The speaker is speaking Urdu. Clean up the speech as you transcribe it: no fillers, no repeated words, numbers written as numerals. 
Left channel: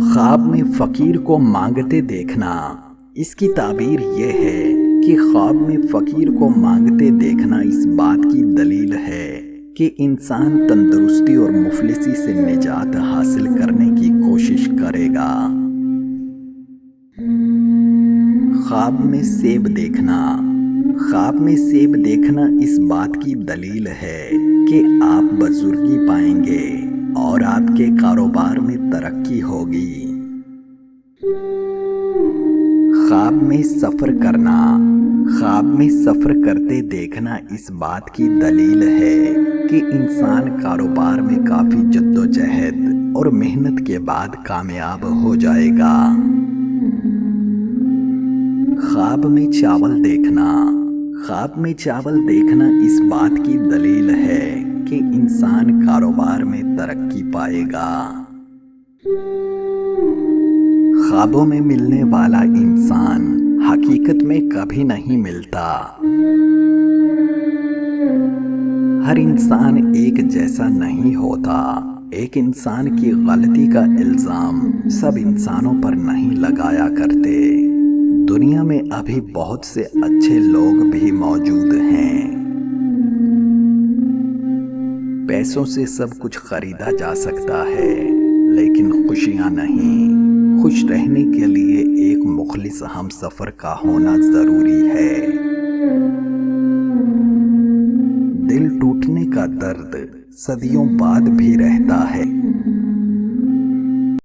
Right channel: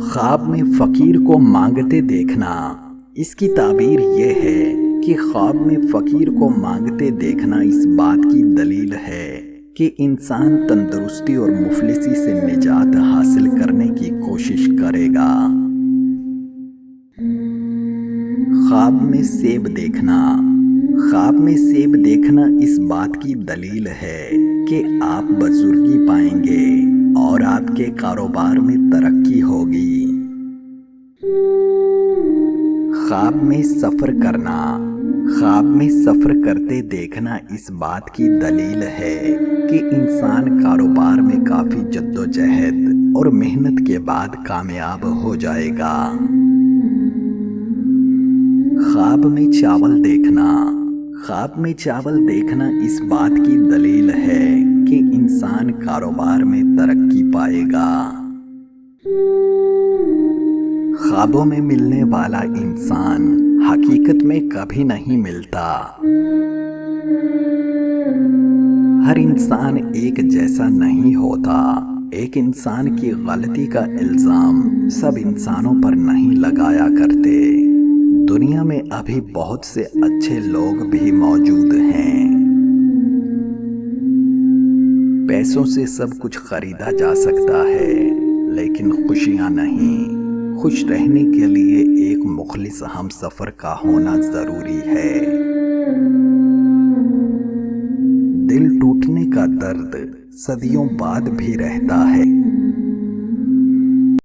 خواب میں فقیر کو مانگتے دیکھنا۔ اس کی تعبیر یہ ہے کہ خواب میں فقیر کو مانگتے دیکھنا اس بات کی دلیل ہے کہ انسان تندرستی اور مفلسی سے نجات حاصل کرنے کی کوشش کرے گا۔ خواب میں سیب دیکھنا۔ خواب میں سیب دیکھنا اس بات کی دلیل ہے کہ آپ بزرگی پائیں گے اور آپ کے کاروبار میں ترقی ہوگی۔ خواب میں سفر کرنا۔ خواب میں سفر کرتے دیکھنا اس بات کی دلیل ہے کہ انسان کاروبار میں کافی جدوجہد اور محنت کے بعد کامیاب ہو جائے گا۔ خواب میں چاول دیکھنا۔ خواب میں چاول دیکھنا اس بات کی دلیل ہے کہ انسان کاروبار میں ترقی پائے گا۔ خوابوں میں ملنے والا انسان حقیقت میں کبھی نہیں ملتا۔ ہر انسان ایک جیسا نہیں ہوتا۔ ایک انسان کی غلطی کا الزام سب انسانوں پر نہیں لگایا کرتے۔ دنیا میں ابھی بہت سے اچھے لوگ بھی موجود ہیں۔ پیسوں سے سب کچھ خریدا جا سکتا ہے لیکن خوشیاں نہیں۔ خوش رہنے کے لیے ایک مخلص ہم سفر کا ہونا ضروری ہے۔ دل ٹوٹنے کا درد صدیوں بعد بھی رہتا ہے۔